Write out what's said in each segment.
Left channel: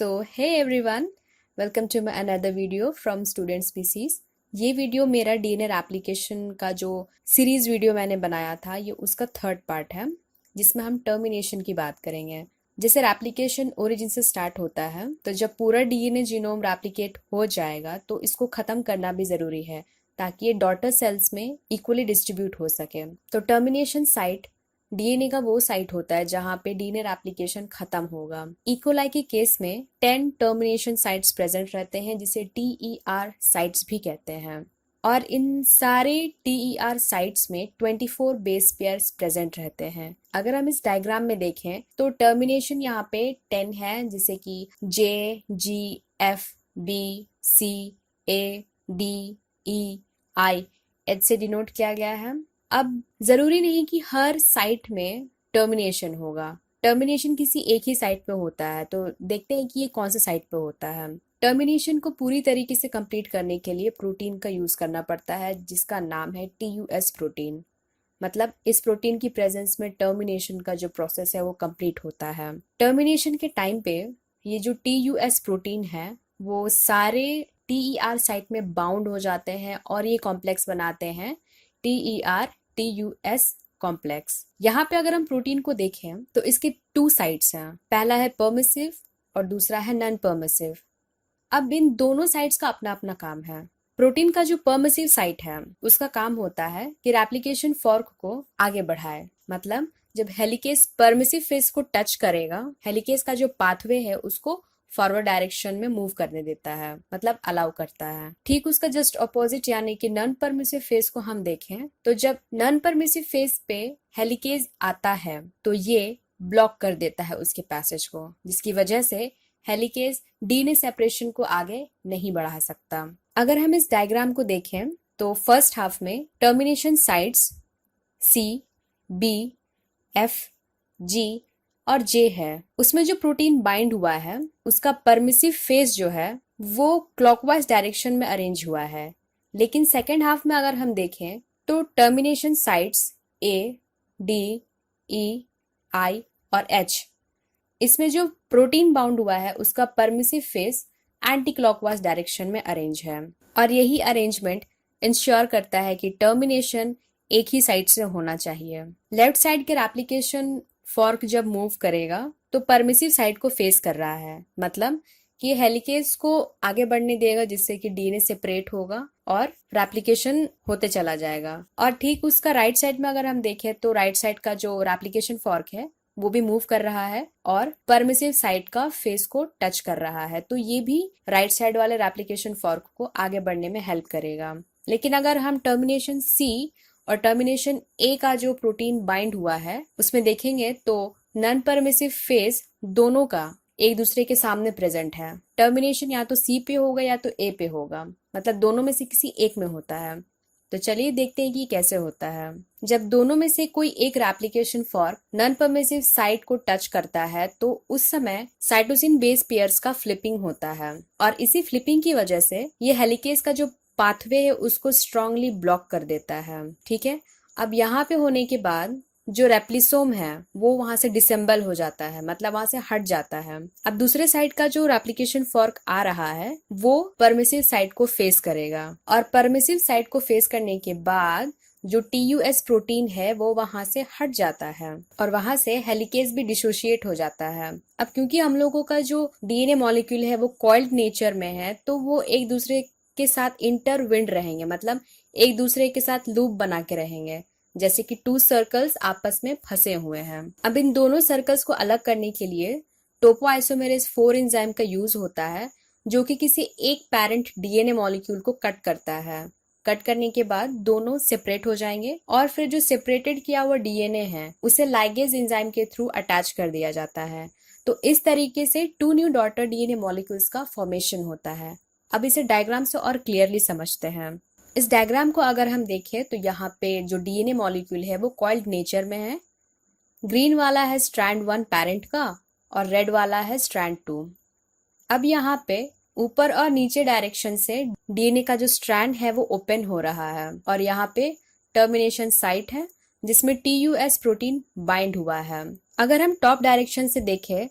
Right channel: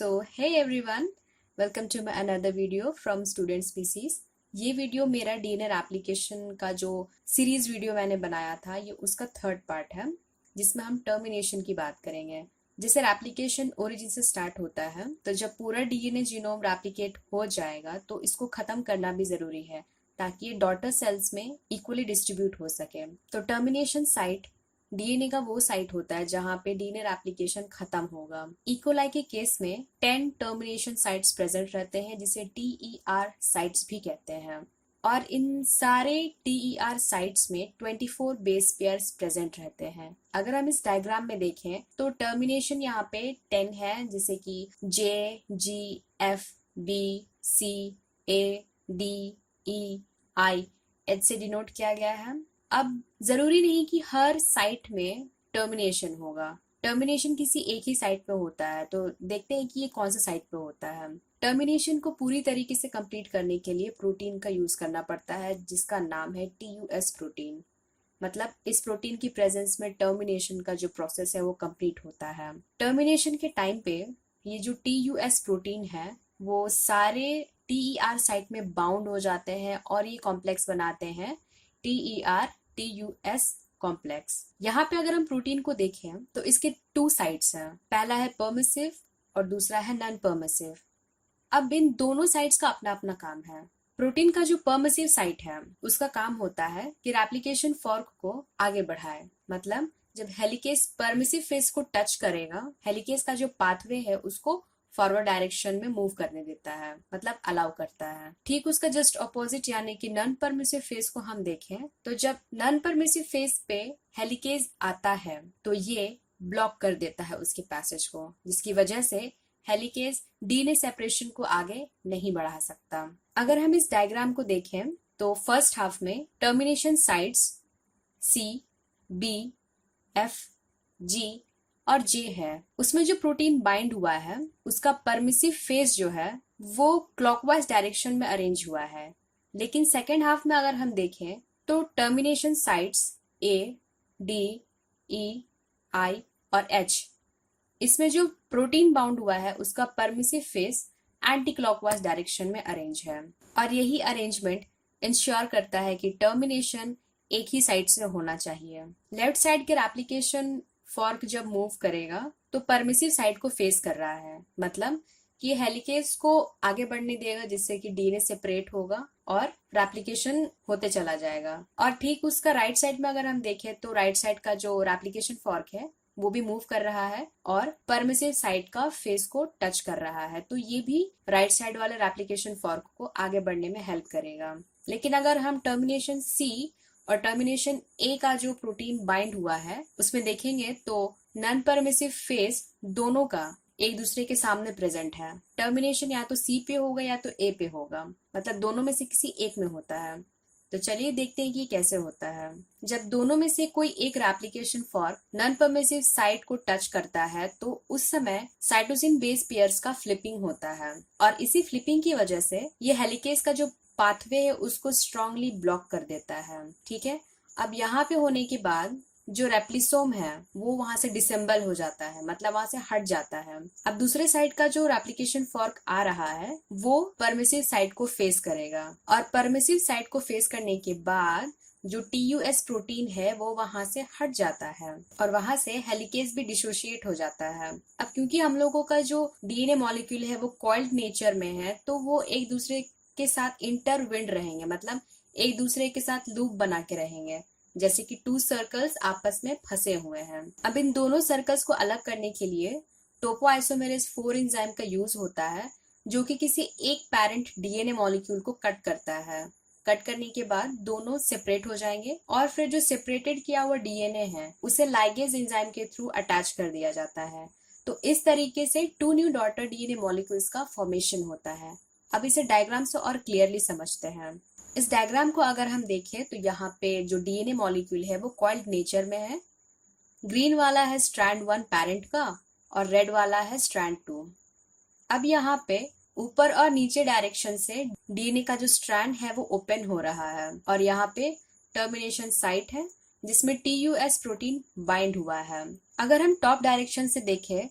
Hey everyone, welcome to my another video from student species. ये video मेरा DNA application का जो series video मैंने बनाया था, ये उसका थर्ड पार्ट है, जिसमें हम टर्मिनेशन की बात करेंगे। जैसे रेप्लिकेशन ओरिजिन से स्टार्ट होता है, तो जब पूरा डीएनए जीनोम रेप्लिकेट हो जाएगा तो इसको खत्म करना भी जरूरी है, ताकि ये डॉटर सेल्स में इक्वली डिस्ट्रीब्यूट हो सके। तो टर्मिनेशन साइट डीएनए का वो साइट होता है जहां पे डीएनए रेप्लिकेशन खत्म होगा। इकोलाई के केस में 10 टर्मिनेशन साइट्स प्रेजेंट रहते हैं, जिसे टीईआर साइट्स भी कहते हैं। और इन सारे टीईआर साइट्स में 24 बेस पेयर्स प्रेजेंट रहते हैं। अगर हम इस डायग्राम में देखें तो टर्मिनेशन यहाँ पे 10 है, जिसे कि जे, जी, एफ, बी, सी, ए, डी, ई, आई, एच से डिनोट किया गया है। अब जरूरी नहीं कि हर साइट में टर्मिनेशन होगा। टर्मिनेशन किसी एक ही साइट पे होता है, तो देखते हैं कि ये कौन से साइट पे होता है। टर्मिनेशन को पूरी तरीके से कंप्लीट करने के लिए प्रोटीन का यूज करना पड़ता है, जिसका नाम है टीयूएस प्रोटीन। मतलब इस प्रोटीन की प्रेजेंस में टर्मिनेशन का जो प्रोसेस है वो कंप्लीट होता है। टर्मिनेशन के टाइम पे ये जो टीयूएस प्रोटीन है वो सारे टीईआर साइट में बाउंड हो जाते हैं और ये कॉम्प्लेक्स बनाते हैं टीईआर टीयूएस कॉम्प्लेक्स। यहाँ पे अगर हम प्रोटीन को देखें तो इसके 2 साइड्स हैं, पहला है परमिसिव और दूसरा है नॉन परमिसिव। अब इन दोनों साइड्स का अपना अपना काम है। प्रोटीन का जो परमिसिव साइट है उसका काम होता है कि रेप्लिकेशन फॉर्क को आगे बढ़ाए। मतलब जब हेलिकेज परमिसिव फेस को टच करेगा, हेलिकेज का जो पाथवे है उसको फॉरवर्ड डायरेक्शन में मूव करने देता है, मतलब अलाउ करता है। ठीक उसका जस्ट ऑपोजिट यानी कि नॉन परमिसिव फेस को हम देखें तो जब नॉन परमिसिव फेस पे हेलिकेज आता है तो ये ब्लॉक कर देता है उसके पैसेज को, जिसकी वजह से हेलिकेज डीएनए सेपरेशन को आगे नहीं बढ़ा सकता। अगर हम इस डायग्राम को देखें तो फर्स्ट हाफ में टर्मिनेशन साइट्स सी, बी, एफ, जी और जे है। उसमें जो प्रोटीन बाइंड हुआ है उसका परमिसिव फेस जो है वो क्लॉकवाइज डायरेक्शन में अरेंज हुआ है। लेकिन सेकेंड हाफ में अगर हम देखें तो टर्मिनेशन साइट्स ए, डी, ई, आई और एच, इसमें जो प्रोटीन बाउंड हुआ है उसका permissive face anti clockwise direction में अरेंज है। और यही अरेंजमेंट इंश्योर करता है कि टर्मिनेशन एक ही साइड से होना चाहिए। लेफ्ट साइड के रेप्लिकेशन फॉर्क जब मूव करेगा तो परमिसिव साइड को फेस कर रहा है, मतलब कि हेलिकेज को आगे बढ़ने देगा, जिससे कि डीएनए सेपरेट होगा और रेप्लिकेशन होते चला जाएगा। और ठीक उसका राइट साइड में अगर हम देखें तो राइट साइड का जो रेप्लिकेशन फॉर्क है वो भी मूव कर रहा है और परमिसिव साइड का फेस को टच कर रहा है, तो ये भी राइट साइड वाले रेप्लिकेशन फॉर्क को आगे बढ़ने में हेल्प करेगा। लेकिन अगर हम टर्मिनेशन सी और टर्मिनेशन ए का जो प्रोटीन बाइंड हुआ है उसमें देखेंगे तो नॉन परमिसिव फेस दोनों का एक दूसरे के सामने प्रेजेंट है। टर्मिनेशन या तो सी पे होगा या तो ए पे होगा, मतलब दोनों में से किसी एक में होता है। तो चलिए देखते हैं कि कैसे होता है। जब दोनों में से कोई एक replication fork non permissive site को टच करता है तो उस समय साइटोसिन बेस पेयर्स का फ्लिपिंग होता है, और इसी फ्लिपिंग की वजह से ये हेलिकेज का जो पाथवे है उसको स्ट्रांगली ब्लॉक कर देता है। ठीक है, अब यहाँ पे होने के बाद जो रेप्लिसोम है वो वहां से डिसेंबल हो जाता है, मतलब वहां से हट जाता है। अब दूसरे साइड का जो रेप्लिकेशन फॉर्क आ रहा है वो परमिसिव साइड को फेस करेगा, और परमिसिव साइड को फेस करने के बाद जो टीयूएस प्रोटीन है वो वहां से हट जाता है और वहां से हेलिकेज भी डिसोशिएट हो जाता है। अब क्योंकि हम लोगों का जो डीएनए मॉलिक्यूल है वो कॉइल्ड नेचर में है, तो वो एक दूसरे के साथ इंटरविंड रहेंगे, मतलब एक दूसरे के साथ लूप बना के रहेंगे, जैसे कि 2 सर्कल्स आपस में फंसे हुए हैं। अब इन दोनों सर्कल्स को अलग करने के लिए टोपोआइसोमेरेज 4 एंजाइम का यूज होता है, जो कि किसी एक पेरेंट डीएनए मॉलिक्यूल को कट करता है। कट करने के बाद दोनों सेपरेट हो जाएंगे और फिर जो सेपरेटेड किया हुआ डीएनए है उसे लाइगेज एंजाइम के थ्रू अटैच कर दिया जाता है। तो इस तरीके से 2 न्यू डॉटर डीएनए मॉलिक्यूल्स का फॉर्मेशन होता है। अब इसे डायग्राम से और क्लियरली समझते हैं। इस डायग्राम को अगर हम देखें तो यहाँ पे जो डीएनए मॉलिक्यूल है वो कॉइल्ड नेचर में है। ग्रीन वाला है स्ट्रैंड 1 पेरेंट का और रेड वाला है स्ट्रैंड 2। अब यहाँ पे ऊपर और नीचे डायरेक्शन से डीएनए का जो स्ट्रैंड है वो ओपन हो रहा है, और यहाँ पे टर्मिनेशन साइट है जिसमें टीयूएस प्रोटीन बाइंड हुआ है। अगर हम टॉप डायरेक्शन से देखें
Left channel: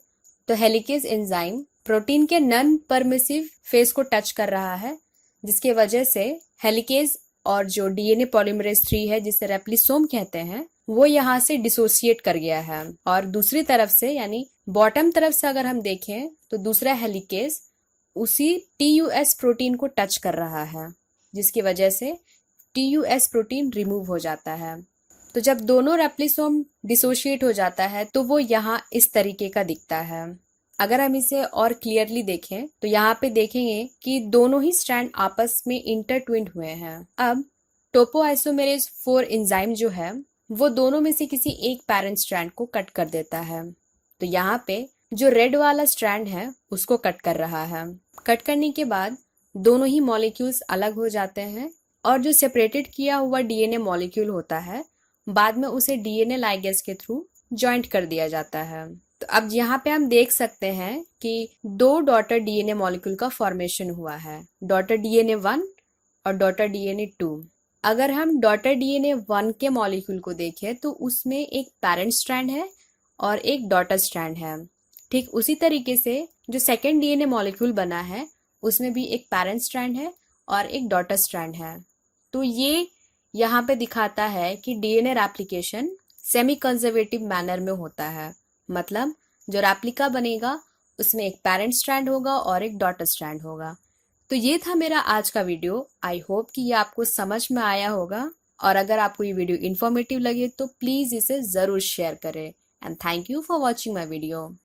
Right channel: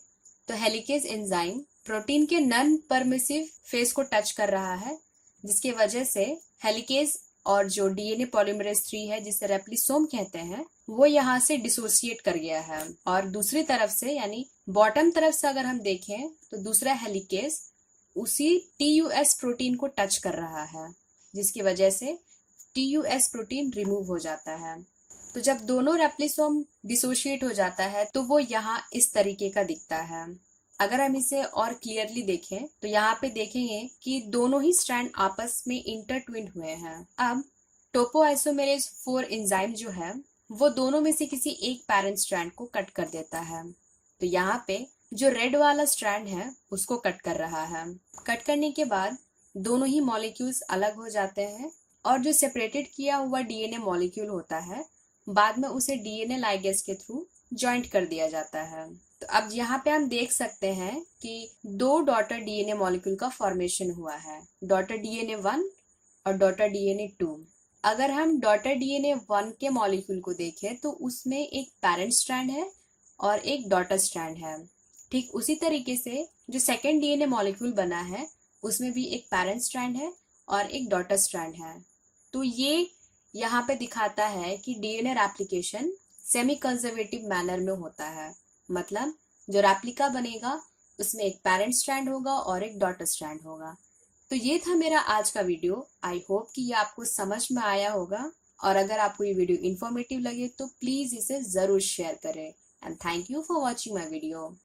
तो हेलिकेज एंजाइम प्रोटीन के नॉन परमिसिव फेस को टच कर रहा है, जिसके वजह से हेलिकेज और जो डीएनए पॉलीमरेज 3 है, जिसे रेप्लिसोम कहते हैं, वो यहाँ से डिसोसिएट कर गया है। और दूसरी तरफ से यानी बॉटम तरफ से अगर हम देखें तो दूसरा हेलिकेज उसी टीयूएस प्रोटीन को टच कर रहा है, जिसकी वजह से टीयूएस प्रोटीन रिमूव हो जाता है। तो जब दोनों रेप्लिसोम डिसोशिएट हो जाता है तो वो यहाँ इस तरीके का दिखता है। अगर हम इसे और क्लियरली देखें तो यहाँ पे देखेंगे कि दोनों ही स्ट्रैंड आपस में इंटरट्विन्ड हुए हैं। अब टोपोआइसोमेरेज 4 एंजाइम जो है वो दोनों में से किसी एक पैरेंट स्ट्रैंड को कट कर देता है। तो यहाँ पे जो रेड वाला स्ट्रैंड है उसको कट कर रहा है। कट करने के बाद दोनों ही मॉलिक्यूल्स अलग हो जाते हैं और जो सेपरेटेड किया हुआ डीएनए मॉलिक्यूल होता है बाद में उसे डीएनए लाइगेज के थ्रू जॉइंट कर दिया जाता है। तो अब यहाँ पे हम देख सकते हैं कि 2 डॉटर डीएनए मॉलिक्यूल का फॉर्मेशन हुआ है, डॉटर डीएनए 1 और डॉटर डीएनए 2। अगर हम डॉटर डीएनए 1 के मॉलिक्यूल को देखें तो उसमें एक पैरेंट स्ट्रैंड है और एक डॉटर स्ट्रैंड है। ठीक उसी तरीके से जो सेकेंड डीएनए मॉलिक्यूल बना है उसमें भी एक पैरेंट स्ट्रैंड है और एक डॉटर स्ट्रैंड है। तो ये यहाँ पे दिखाता है कि DNA replication semi conservative manner में होता है। मतलब जो रेप्लिका बनेगा उसमें एक पैरेंट स्ट्रैंड होगा और एक डॉटर स्ट्रैंड होगा। तो ये था मेरा आज का वीडियो। आई होप कि ये आपको समझ में आया होगा, और अगर आपको ये वीडियो इन्फॉर्मेटिव लगे तो प्लीज़ इसे ज़रूर शेयर करें। And thank you for watching my video.